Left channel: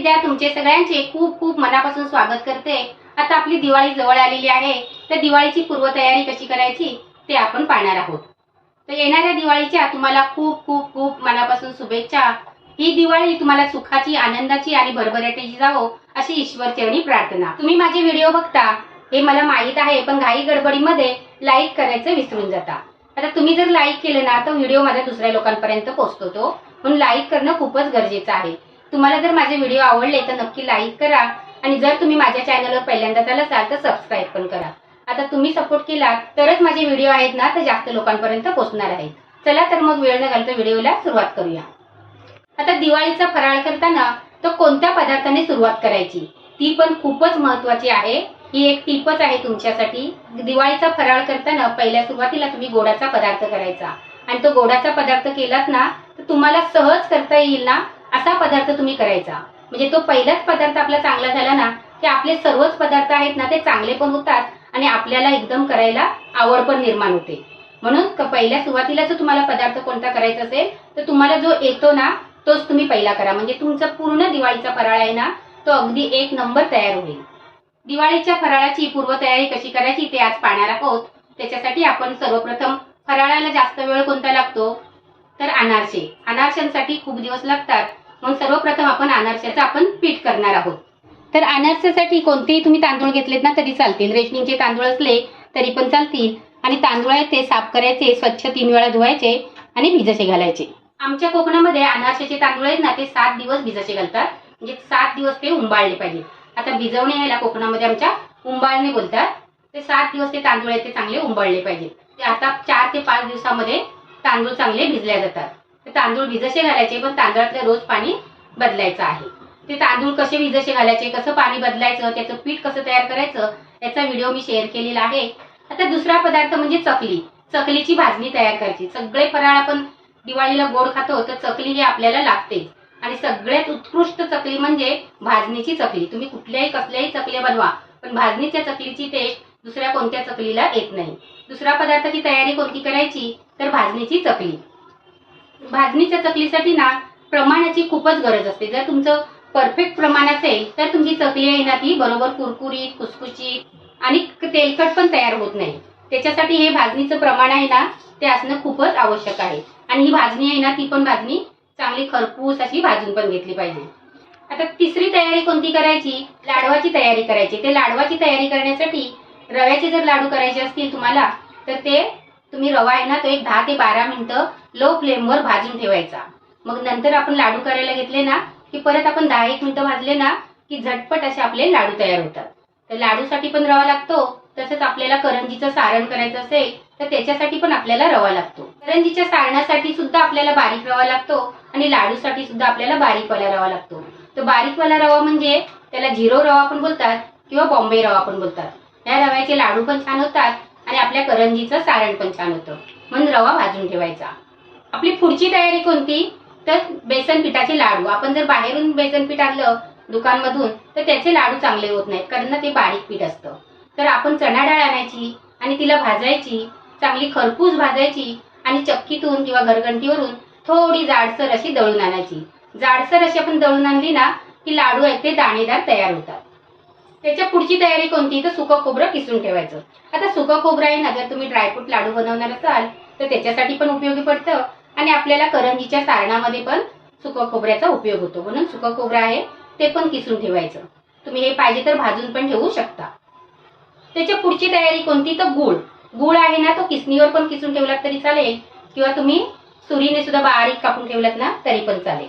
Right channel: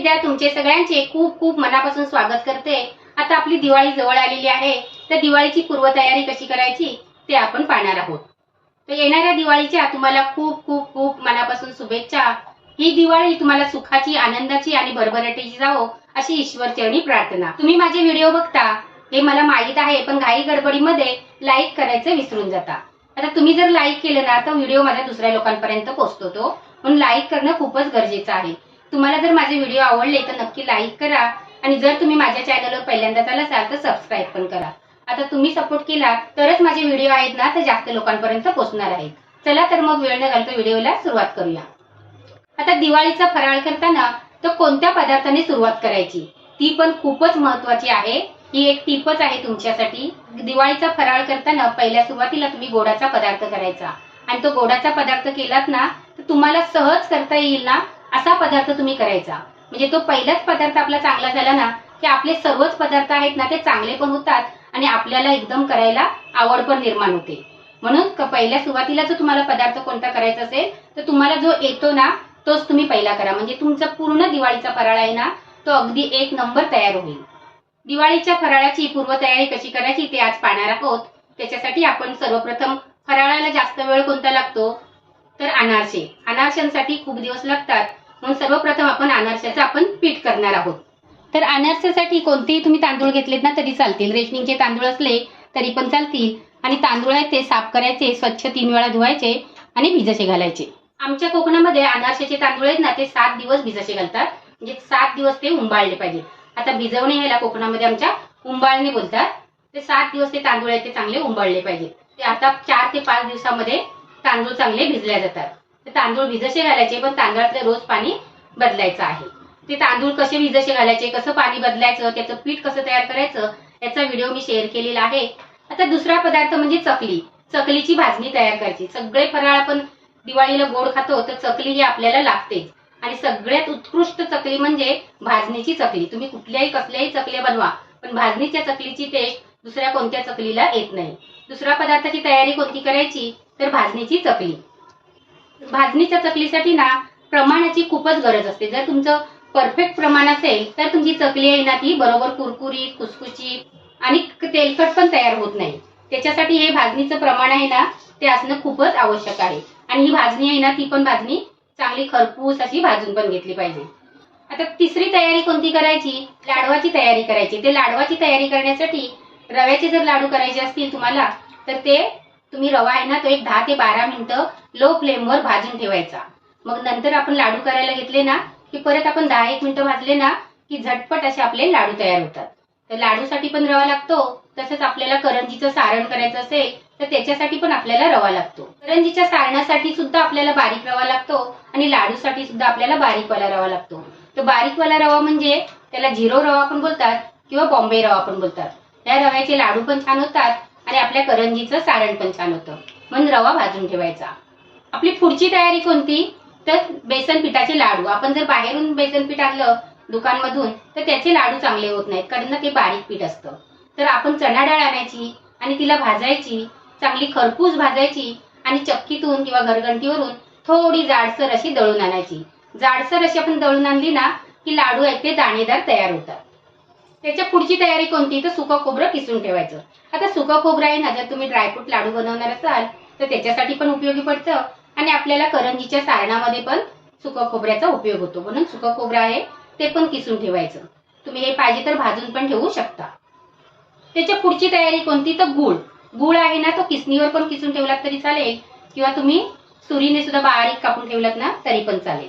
विद्या तुमचे सगळ्यांचे खूप खूप मनापासून स्वागत करते. आता आपली दिवाळी जवळ आलेली आहे. तर दिवाळीची पूर्वतयारी कशी करायची ते आपण पाहणार आहोत. तर येणाऱ्या दिवाळीच्या तुम्हाला खूप खूप खूप मनापासून शुभेच्छा. ही दिवाळी तुम्हाला सुखाची आनंदाची आणि भरभराटीची जावो अशी ईश्वर चरणी प्रार्थना. तुम्ही माझे व्हिडिओ बघता हे मला माहीत आहे पण घाई गडबडीमध्ये लाईक करायचं विसरून जाता. आता तुम्ही जर लाईक केलं ना तर व्हिडिओ माझ्या दुसऱ्या लोकांपर्यंत पोहोचतो तो. म्हणून लाईक करणं खूपच गरजेचं आहे. तुम्हाला जर माझे व्हिडिओ आवडले तर नक्की लाईक करा. आणि जर तुम्ही माझ्या चॅनलवर पहिल्यांदा आला असाल तर सबस्क्राईब पण करा. आता तुम्ही सपोर्ट केला तरच माझे व्हिडिओ आहेत ना तर जास्त लोकांपर्यंत पोहोचणार आहेत. चला तर मग वेळ न घालता व्हिडिओला सुरुवात करूया. आता दिवाळीचा फराळ करताना तर कोणत्या पदार्थाने सुरुवात करायची? ती पण खूपच महत्वाची आहे. ही एक टिपच आहे तुमच्यासाठी. दिवाळीचा फराळ करताना पहिल्या सुरुवातीला तुम्ही गोडाचा पदार्थ करायचा. आणि तो गोडाचा पदार्थ केलात ना तर तुम्हाला सहज करता येईल ना? असा पदार्थ तुम्ही करायचा. म्हणजे तो पहिलाच पदार्थ आपला चांगला झाला ना की आपले सर्वच पदार्थ आहेत ना ते चांगले पण होतात आणि आपल्याला एकदम करायला आवड पण निर्माण होते. म्हणून पहिल्या सुरुवातीला जर तुम्हाला पदार्थ कोणता करायचा असेल तर तुम्हाला जो येतो ना तोच तुम्ही पहिला करा. म्हणजे तुमचा पूर्ण दिवाळीचा फराळ आहे ना तो अगदी एक नंबर तयार होईल. दिवाळीच्या फराळाची पूर्वतयारी कशी करायची ते आज पाहणार आहोत. त्याच्यासाठी आपण सर्वप्रथम फराळाला जास्त वेळ कोणता लागतो? तर अनारसे. अनारशांसाठी खूप दिवस लागतात. म्हणून सर्वप्रथम आपण अनारशाचं आपण पीठ करणार आहोत. तर अनारशासाठी कोणतेही तुम्ही तांदूळ घेतलेत ना तरी चालतील. रेशनिंगचे तांदूळ असले तरी पण चालतील. आणि तांदूळ आहेत ते साफ करायचे स्वच्छ तीन वेळा धुवायचे आणि भिजसे घालायचे. आमच्या कोकणामध्ये अनारशाचे तांदूळ आहेत ना ते सात दिवस भिजसे घालतात. म्हणजे सात दिवस ते उंबाळले पाहिजे. आता भिजवणे ह्याला कोकणामध्ये आमच्या उंबाळणे बोलतात. ते सात दिवस ते तांदूळ आहेत ते चांगले उंबाळले पाहिजेत. ते आता चार ते पाच दिवसामध्ये तांदूळ चांगले भिजल्या जातात. तांदूळ भिजसे घालायचे पण तांदळातलं रोज पाणी बदलायचं आहे. ते तांदूळ कसे भिजसे घालायचे कसं पाणी बदलायचं त्याचं पीठ कसं तयार करायचं याचा व्हिडिओ मी शेअर केलेला आहे. आता दुसरा पदार्थ म्हणजे चकली. चकलीची भाजणी तयार करायची. सगळे फराळ आपण दिवाळीला गोड खातो तर चकली ही आपल्याला लागतेच. आणि सगळ्यात उत्कृष्ट चकली म्हणजे भाजणीची चकली. तुम्ही कुठल्याही कसल्याही चकल्या बनवा पण भाजणीच्या चकलीची टेस्ट दुसऱ्या कोणत्या चकलीला येत नाही. दुसऱ्या पदार्थाची तयारी कोणती करायची? तर भाजणीची चकली. भाजणीच्या चकलीसाठी ना प्रमाणाची खूपच गरज असते. जर तुमचं परफेक्ट प्रमाण असेल तर तुमची चकली आहे ना ती बरोबर कुरकुरीत खुसखुशीत आणि तेलकट पण तयार होत नाही. त्याच्यासाठी हे भाजणीचं प्रमाण आहे ना ते असणं खूपच आवश्यक आहे. आणि ही भाजणी आहे ना ती पण भाजणी चांगली खरपूस अशी भाजून पण घेतली पाहिजे. आता तिसरी तयारी कोणती करायची? लाडवाची तयारी करायची. ते लाडवाची तयारी करण्यासाठी रव्याचे जर लाडू करायचे असतील तुम्हाला तर ते तुम्ही रवा आहे ना तो एक दहा ते बारा मिनिटं लो फ्लेमवर भाजून ठेवायचा. मग नंतर आपण लाडू करायला घेतले ना की परत आपण दहा एक मिनिटं भाजले ना की झटपट असे आपले लाडू तयार होतात. तर लाडूसाठी पण रवा लागतो तसंच आपल्याला करंजीचं सारण करायचं असेल तर त्याच्यासाठी पण आपल्याला रवा लागतो. करंजीच्या सारणासाठी सुद्धा आपल्याला बारीक रवा लागतो आणि लाडूसाठी सुद्धा आपल्याला बारीकवाला रवा लागतो. तर बारीकवाला रवा म्हणजे त्याला झिरो रवा पण बोलतात किंवा बॉम्बे रवा पण बोलतात. या रव्याचे लाडू पण छान होतात आणि आपल्या करंजीचं सारण पण छान होतं. म्हणून रवा भाजून ठेवायचा. आपली पुढची तयारी कोणती? तर बेसन पिठाचे लाडू. आपण जर बाहेरून बेसन पीठ आणलं दुकानमधून तर त्याचे लाडू चांगले होत नाहीत कारण ना ते बारीक पीठ असतं. तर आपण चणा डाळ आणायची आणि तिला भाजायची चांगली खरपूस भाजायची आणि चक्कीतून किंवा घरघंटीवरून थोडी जाडसर अशी दळून आणायची. जाडसर अशी आपण दळून आणली ना की लाडू आहेत ते दाणेदार तयार होतात. त्याच्या पुढची तयारी कोणती? तर सुकं खोबरं किसून ठेवायचं. आता सुकं खोबरं आहे ना जर तुम्ही ड्रायफ्रूट लाडू बनवणार असाल तर त्याच्यासाठी पण उपयोगी पडतं आणि आपल्याला करंजीच्या सारणामध्ये पण सुकं खोबऱ्याचा उपयोग होतो. म्हणून सुकं खोबरं आहे ते पण किसून ठेवायचं. तुम्ही हे पाहिजे तर भाजून पण ठेवू शकता. त्याच्या पुढची तयारी कोणती? तर गुळ. गुळ आहे ना तो किसणीवर पण किसून ठेवलात तरी चालेल. किंवा तुम्ही सुरीने सुद्धा बारीक कापून ठेवलात ना तरी पण चालेल.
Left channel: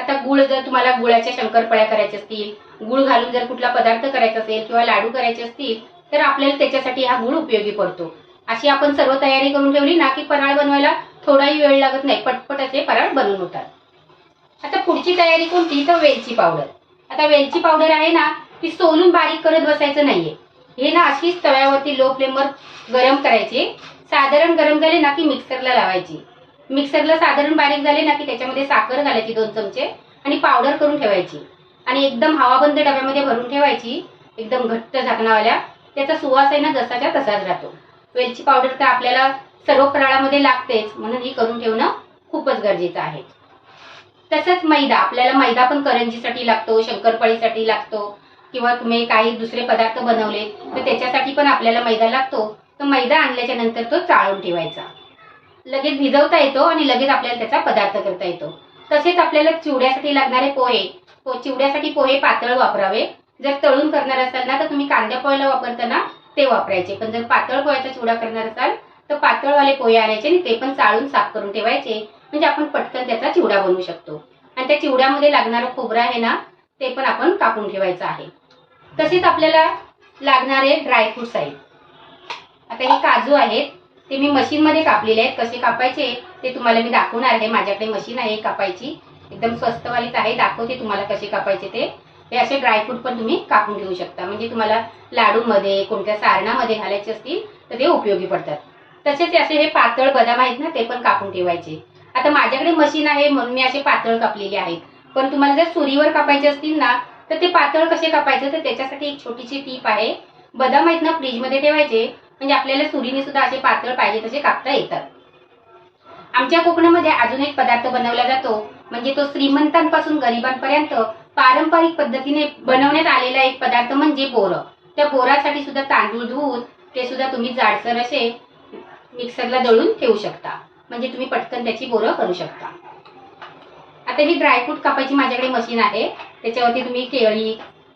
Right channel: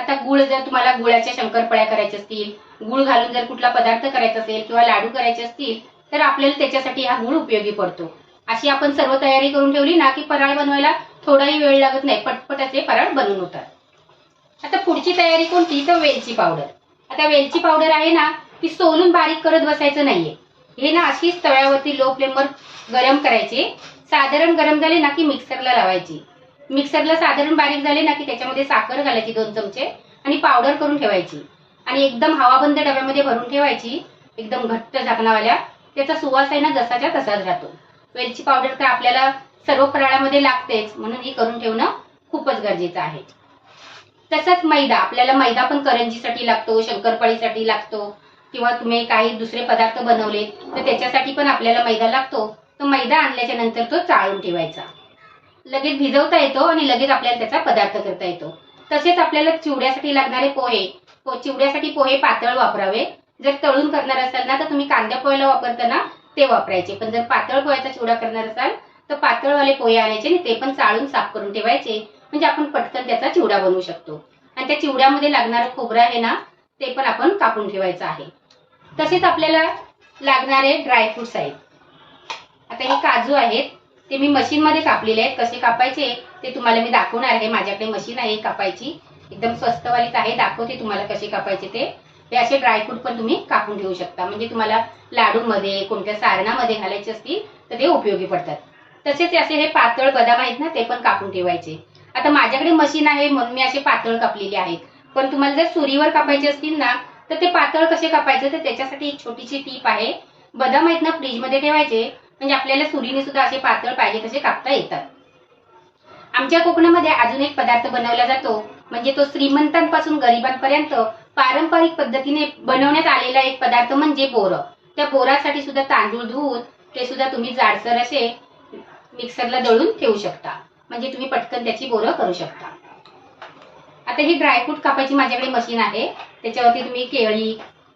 आता गुळ जर तुम्हाला गुळाच्या शंकरपळ्या करायच्या असतील गुळ घालून जर कुठला पदार्थ करायचा असेल किंवा लाडू करायचे असतील तर आपल्याला त्याच्यासाठी हा गुळ उपयोगी पडतो. अशी आपण सर्व तयारी करून ठेवली ना की फराळ बनवायला थोडाही वेळ लागत नाही पटपट असे फराळ बनवून होतात. आता पुढची तयारी कोणती? तर वेलची पावडर. आता वेलची पावडर आहे ना ती सोलून बारीक करत बसायचं नाहीये. हे ना अशीच तव्यावरती लो फ्लेमवर गरम करायची साधारण गरम झाले ना की मिक्सरला लावायची. मिक्सरला साधारण बारीक झाले ना की त्याच्यामध्ये साखर घालायची दोन चमचे आणि पावडर करून ठेवायची. आणि एकदम हवाबंद डब्यामध्ये भरून ठेवायची एकदम घट्ट झाकणावाल्या. त्याचा सुवास आहे ना जसाच्या तसाच राहतो. वेलची पावडर तर आपल्याला सर्व फराळामध्ये लागतेच म्हणून ही करून ठेवणं खूपच गरजेचं आहे. तसंच मैदा आपल्याला मैदा पण करंजीसाठी लागतो शंकरपाळीसाठी लागतो किंवा तुम्ही काही दुसरे पदार्थ बनवले तर त्याच्यासाठी पण आपल्याला मैदा लागतो. तो मैदा आणल्याच्या नंतर तो चाळून ठेवायचा. लगेच भिजवता येतो आणि लगेच आपल्याला त्याचा पदार्थ करता येतो. तसेच आपल्याला चिवड्यासाठी लागणारे पोहे पो चिवड्यासाठी पोहे पातळ वापरावे. जर तळून करणार असाल ना तर तुम्ही कांद्या पोह्याला वापरताना ते वापरायचे. पण जर पातळ पोह्याचा चिवडा करणार असाल तर पातळवाले पोहे आणायचे आणि ते पण चाळून साफ करून ठेवायचे. म्हणजे आपण पटकन त्याचा चिवडा बनवू शकतो. आणि त्या चिवड्यामध्ये लागणारं खोबरं आहे ना ते पण आपण कापून ठेवायचं आहे. तसेच आपल्याला लागणारे ड्रायफ्रुट्स आहेत. आता हे काजू आहेत. ते मी मशीनमध्ये कापलेले आहेत. कसे कापायचे ते तुम्हाला मी दाखवणार आहे. माझ्याकडे मशीन आहे कापायची. एकदम स्वस्तवालीच आहे. दाखवते तुम्हाला कसे कापायचे ते. हे असे ड्रायफ्रूट पण तुम्ही कापून ठेवू शकता. म्हणजे तुम्हाला लाडूमध्ये कोणत्या सारणामध्ये घालायचे असतील तर ते उपयोगी पडतात. तसेच असे हे पातळ बदाम आहेत ना ते पण कापून ठेवायचे. आता माझ्याकडे मशीन आहे म्हणून मी असे पातळ कापलेले आहेत. पण तुम्हाला जर सुरीवर कापायचे असतील ना तर ते पातळ कसे कापायचे? तर त्याच्यासाठी एक छोटीशी टीप आहे. बदाम आहेत ना फ्रीजमध्ये ठेवायचे. म्हणजे आपल्याला सुरीने सुद्धा असे पातळ पाहिजे तसे कापता येतात. आमच्या कोकणामध्ये अजून एक पदार्थ बनवला जातो. म्हणजे तो श्रीमंतांपासून गरिबांपर्यंत पारंपरिक पद्धतीने बनवण्यात आलेला एक पदार्थ म्हणजे बोरं. त्या बोरासाठी सुद्धा तांदूळ धुवून ते सुद्धा तुम्ही जाडसर असे मिक्सरला दळून ठेवू शकता. म्हणजे तुम्ही पटकन त्याची बोरं करू शकता. आता ही ड्रायफ्रूट कापायची माझ्याकडे मशीन आहे. त्याच्यावरती तुम्ही केळी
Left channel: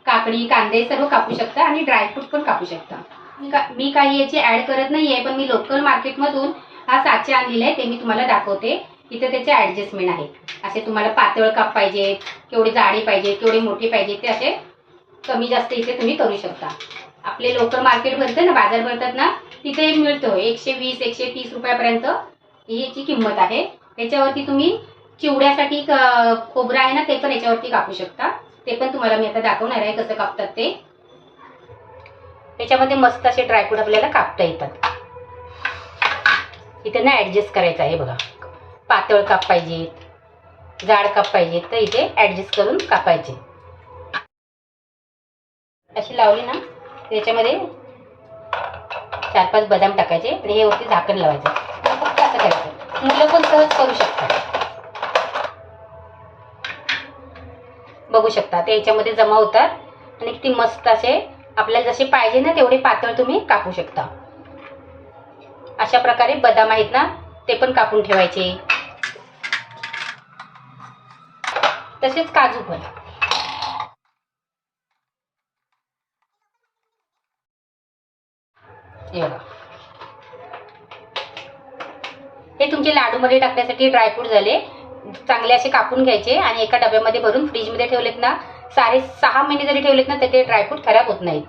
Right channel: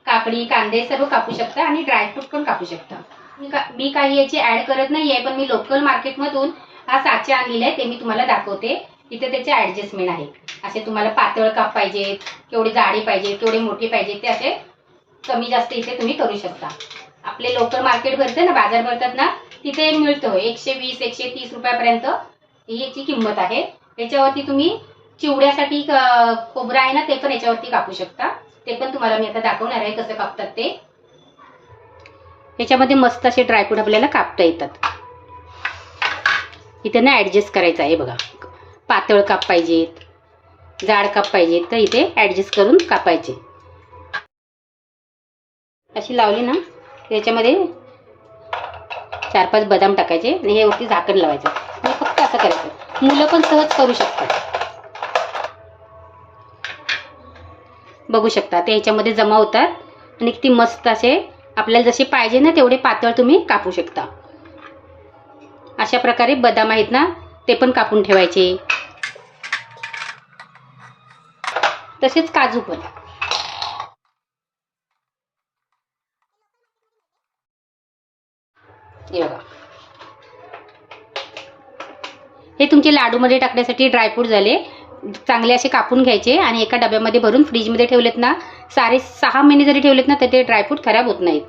काकडी कांदे सर्व कापू शकता आणि ड्रायफ्रूट पण कापू शकता. मी काही याची ऍड करत नाहीये पण मी लोकल मार्केटमधून हा साचे आणलेला आहे ते मी तुम्हाला दाखवते. इथे त्याचे ऍडजस्टमेंट आहे. असे तुम्हाला पातळ काप पाहिजे केवढे जाडी पाहिजे केवढे मोठे पाहिजे ते असे कमी जास्त इथे तुम्ही करू शकता. आपले लोकल मार्केट भरते ना बाजार भरतात ना तिथे मिळतो एकशे वीस एकशे तीस रुपयापर्यंत. ही याची किंमत आहे. याच्यावरती तुम्ही चिवड्यासाठी खोबरं आहे ना ते पण याच्यावरती कापू शकता. ते पण तुम्हाला मी आता दाखवणार आहे कसं कापतात ते. याच्यामध्ये मस्त असे ड्रायफ्रूट आपल्याला कापता येतात. इथे ना ॲडजस्ट करायचं आहे बघा. पातळ काप पाहिजेत जाड काप पाहिजेत तर इथे ॲडजस्ट करून कापायचे. अशी लावली ना त्याच्यामध्ये चार पाच बदाम टाकायचे आणि हे वरती झाकण लावायचं. फक्त असं करायचं. मुलं पण सहज करू शकतात. बघू शकता ते ह्याच्यामध्ये जमा होतात आणि किती मस्त असे आपल्याला जसे पाहिजे ना तेवढे पातळ तुम्ही कापू शकता. अशा प्रकारे बदाम आहेत ना ते पण कापून ठेवायचे. तसेच काजू पण. हे तुमचे लाडू तुमचे लाडूमध्ये टाकण्यासाठी ड्रायफ्रूट झाले. चांगले असे कापून घ्यायचे आणि एका डब्यामध्ये भरून फ्रीजमध्ये ठेवलेत ना सारे सहा महिने जरी ठेवलेत ना तर ते ड्रायफ्रूट खराब होत नाहीत.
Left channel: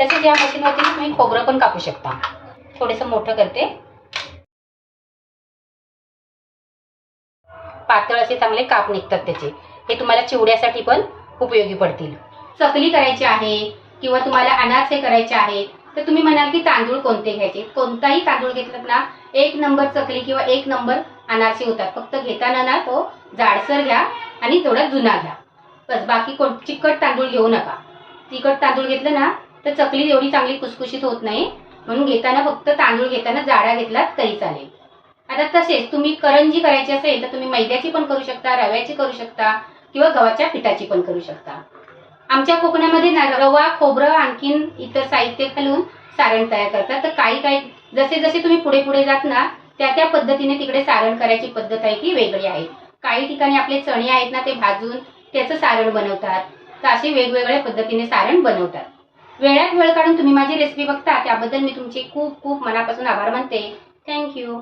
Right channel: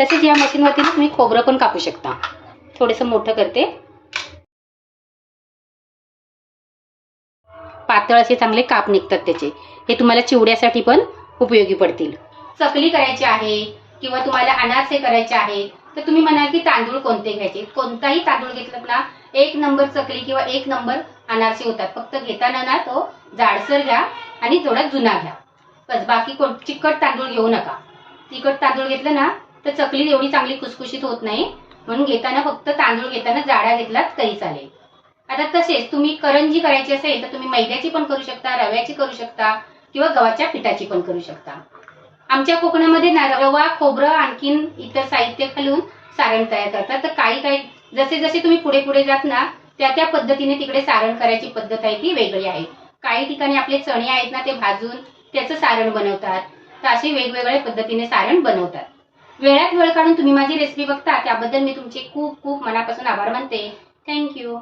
तसेच या मशीनवरती तुम्ही खोबरं पण कापू शकता. थोडंसं मोठं करते. पातळ असे चांगले काप निघतात त्याचे. हे तुम्हाला चिवड्यासाठी पण उपयोगी पडतील. चकली करायची आहे किंवा तुम्हाला अनारसे करायचे आहे तर तुम्ही म्हणाल की तांदूळ कोणते घ्यायचे? कोणताही तांदूळ घेतलात ना एक नंबर चकली किंवा एक नंबर अनारसे होतात. फक्त घेताना ना तो जाडसर घ्या आणि थोडा जुना घ्या. बस बाकी कोण? चिकट तांदूळ घेऊ नका. तिखट तांदूळ घेतलं ना तर चकली एवढी चांगली खुसखुशीत होत नाही. म्हणून घेताना फक्त तांदूळ घेताना जाडा घेतलात तरी चालेल. आता तसेच तुम्ही करंजी करायची असेल तर तुम्ही मैद्याची पण करू शकता रव्याची करू शकता किंवा गव्हाच्या पिठाची पण करू शकता. आमच्या कोकणामध्ये ना रवा खोबरं आणखीन इतर साहित्य घालून सारण तयार करतात. तर काही काही जसे जसे तुम्ही पुढे पुढे जात ना त्या त्या पद्धतीने तिकडे सारण करायची पद्धत आहे ती वेगळी आहे. काही ठिकाणी आपले चणे आहेत ना ते भाजून त्याचं सारण बनवतात. तर असे वेगवेगळ्या पद्धतीने सारण बनवतात. वेळात वेळ काढून तुम्ही माझी रेसिपी बघता त्याबद्दल मी तुमचे खूप खूप मनापासून आभार मानते. थँक्यू